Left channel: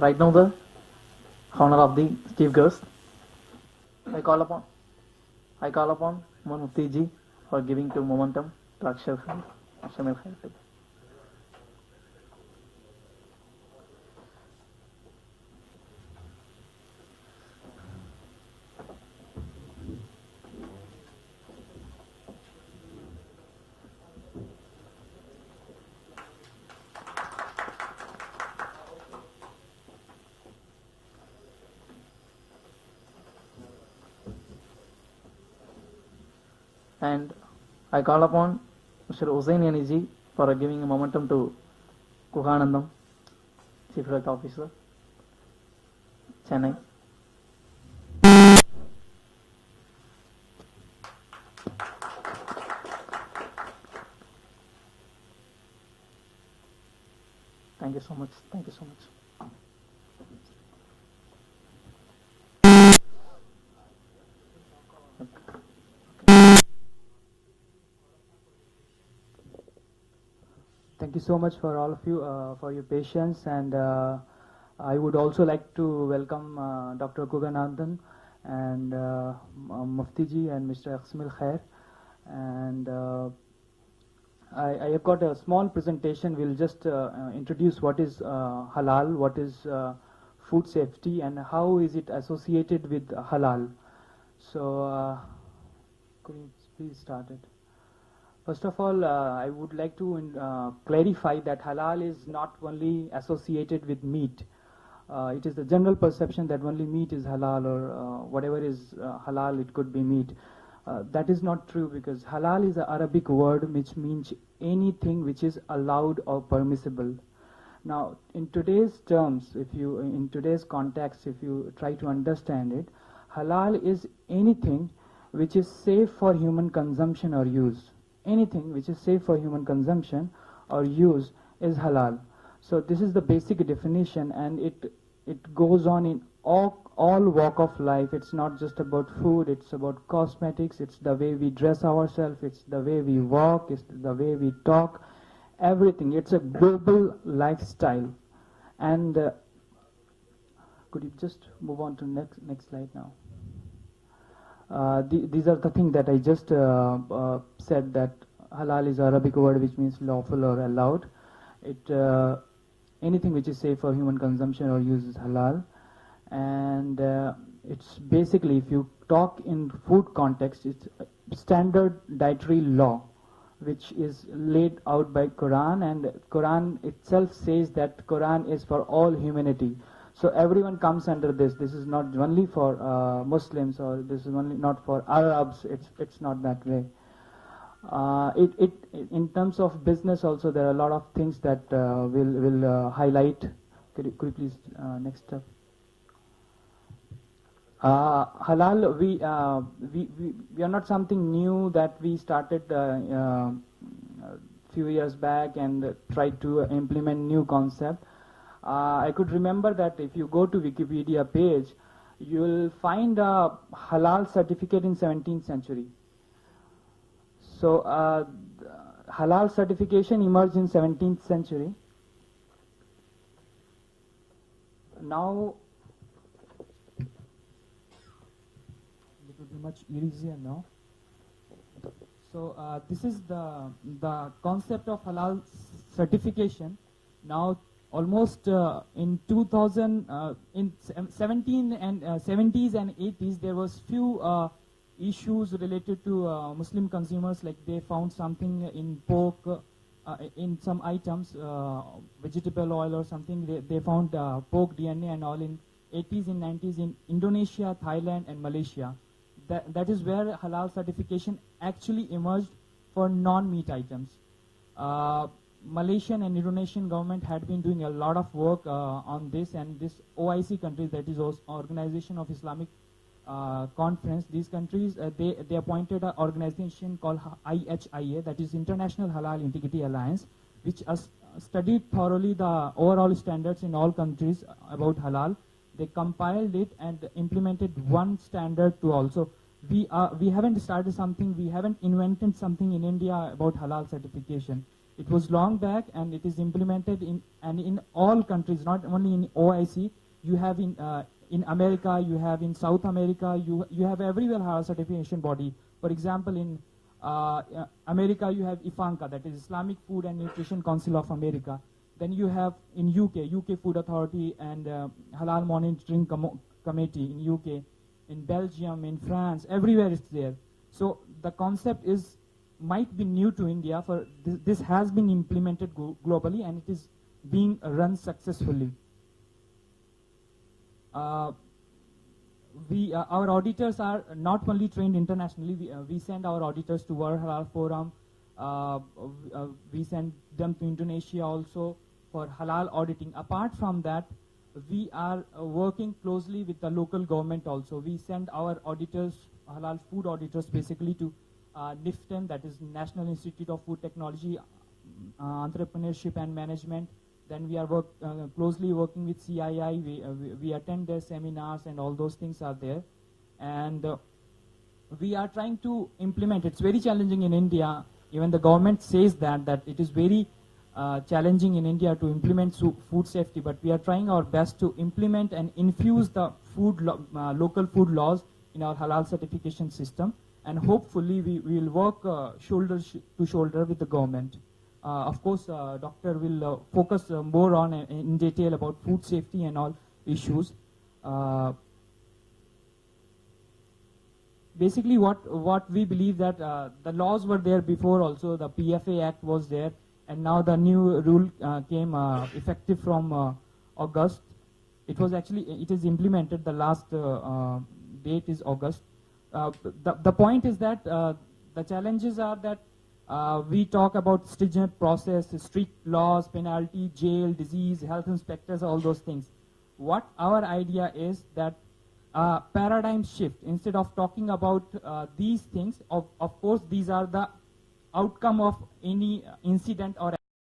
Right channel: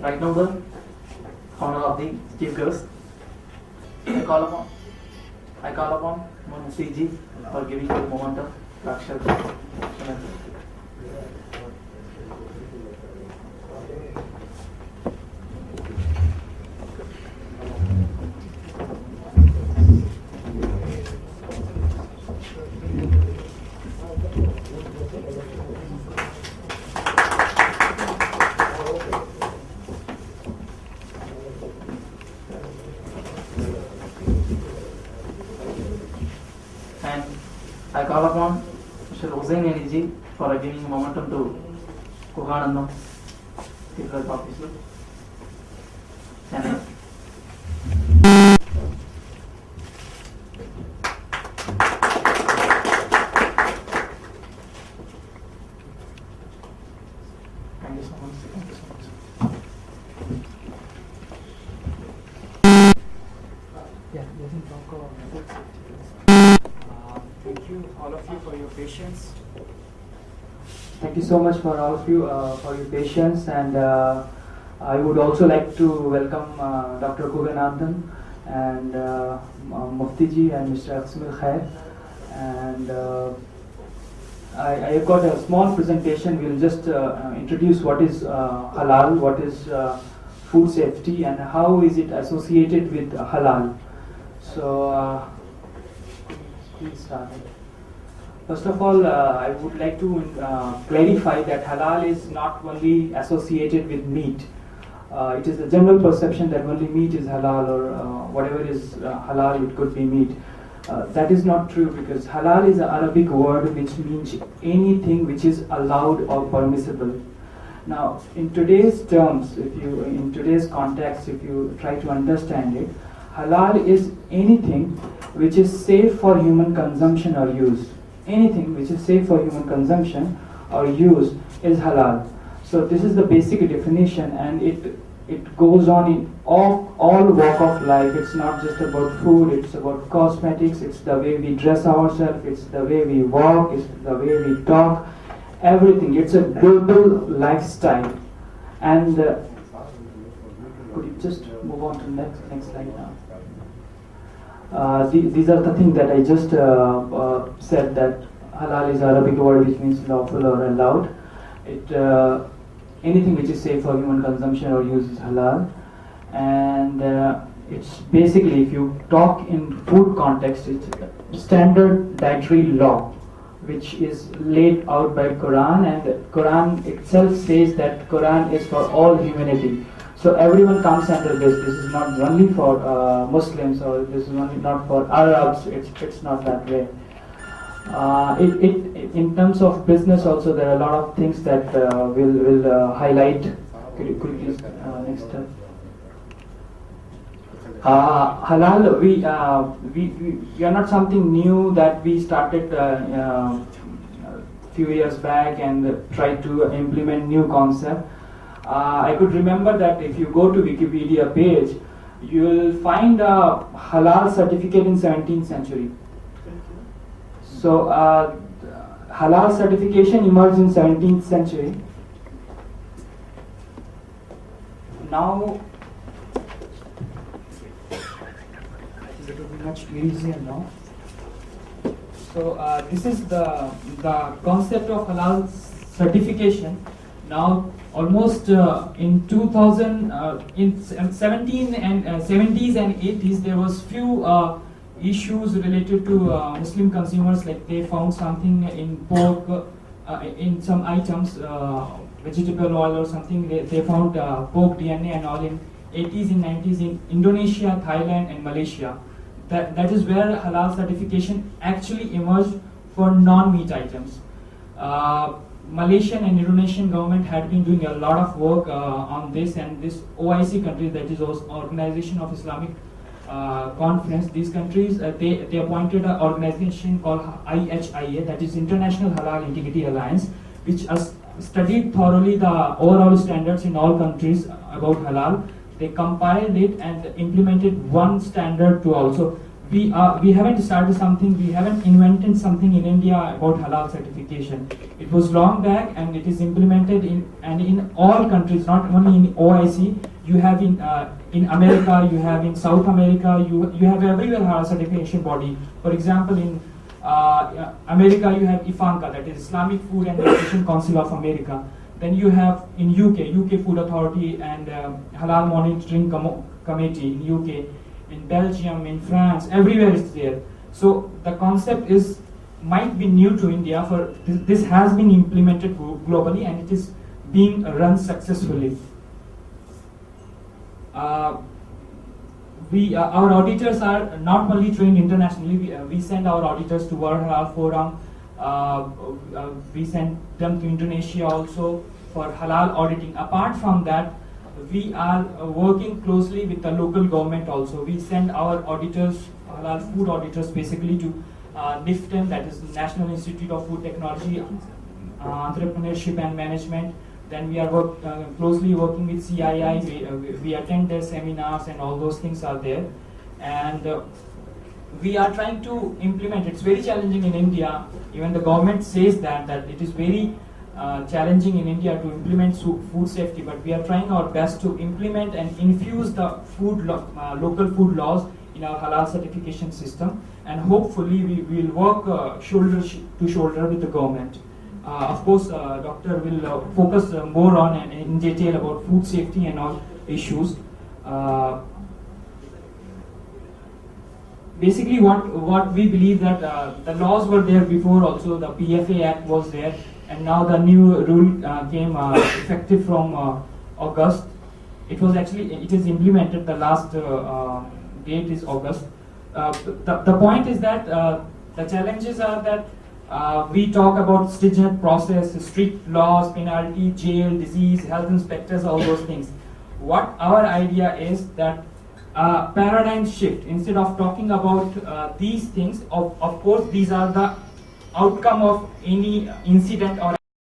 Right now, the honor of the chief guest. I call upon Mufti for giving the momentum to Akshay. And I call upon Mr. Hussain Ali for giving momentum to Kuganandam, Chief Health Officer, Chennai. Thank you so much. Thank you so much. Thank you, all of you, for your patience. Thank you so much for all of you for your patience, and I would also like to welcome Dr. Kuganathan and Muftiji and Mr. Asmil Khair. And I have got a small presentation. We'll just introduce what is halal, what is food safety, and how is it associated with halal. So please start. First of all, I would like to clarify that halal is not only associated with meat. It is the general perception that only meat is halal, or whatever is halal, it could be meat. That is not true, because halal is an Arabic word which means anything which is allowed or permissible. Now, in today's terms, in today's context, if you try to understand it, halal is anything which is safe for human consumption or use. Anything which is safe for human consumption or use is halal. So this is the basic definition, and it goes on in all walk of life. It's not just about food, it's about cosmetics, it's the way we dress ourselves, it's the way we walk, it's the way we talk, everything. It's a global lifestyle. And could you just move on to next slide now? These are the things that I just said, that halal is Arabic word which means lawful or allowed. Anything which is safe for human consumption or use is halal. And it's basically, if you talk in food context, it's standard dietary law which is laid out by Quran, and the Quran itself says that Quran is for all humanity. So everyone comes under this. This is not only for Muslims, or this is only not for Arabs. It's not that way. In terms of business also, there are a lot of things that will highlight. Could you please next step? Halal, we are not something new that we started a few years back and tried to implement new concept. I could remember that if you go to Wikipedia page, you will find a halal certificate in 17th century. So halal certification emerged in 17th century. Now it will be much easier now. So this is the concept of halal certification. Now, almost in 2000, in 17 and 70s and 80s, there was few issues related to Muslim consumers, like they found something in pork, in some items, vegetable oil or something. They found pork DNA and all in 80s and 90s in Indonesia, Thailand, and Malaysia. That is where halal certification actually emerged for non-meat items. Malaysian and Indonesian government had been doing a lot of work on this, and this OIC country, that is Organization of Islamic Conference, these countries, they appointed an organization called IHIA, that is International Halal Integrity Alliance, which has studied thoroughly the overall standards in all countries about halal. They compiled it and implemented one standard to also we haven't started something, we haven't invented something in India about halal certification. It was long back and it is implemented in all countries, not only in OIC. You have in America, you have in South America, you have everywhere halal certification body. For example, in America you have IFANCA, that is Islamic Food and Nutrition Council of America. Then you have in UK Food Authority and Halal Monitoring Committee in UK. In Belgium, in France, everywhere it's there. So the concept might be new to India. For this has been implemented globally and it is being run successfully. Our auditors are not only trained internationally. We send our auditors to World Halal Forum. We send them to Indonesia also for halal auditing. Apart from that, we are working closely with the local government also. We send our auditors, halal food auditors, basically to NIFTEM, that is National Institute of Food Technology, Entrepreneurship and Management. Then we are closely working with CII. We attend their seminars and all those things are there. And we are trying to implement. It's very challenging in India. Even the government says that it is very challenging in India to implement food safety, but we are trying our best to implement and infuse the local food laws in our halal certification system, and hopefully we will work shoulder to shoulder with the government. Of course, Doctor will focus more on in detail about food safety and all issues. Basically, what we believe that the laws were there before also. The PFA Act was there. And now the new rule came effective from August. It is implemented. The last date is August. The point is that the challenges are that we talk about stringent process, strict laws, penalty, jail, disease, health inspectors, all those things. What our idea is that paradigm shift. Instead of talking about these things, of course these are the outcome of any incident or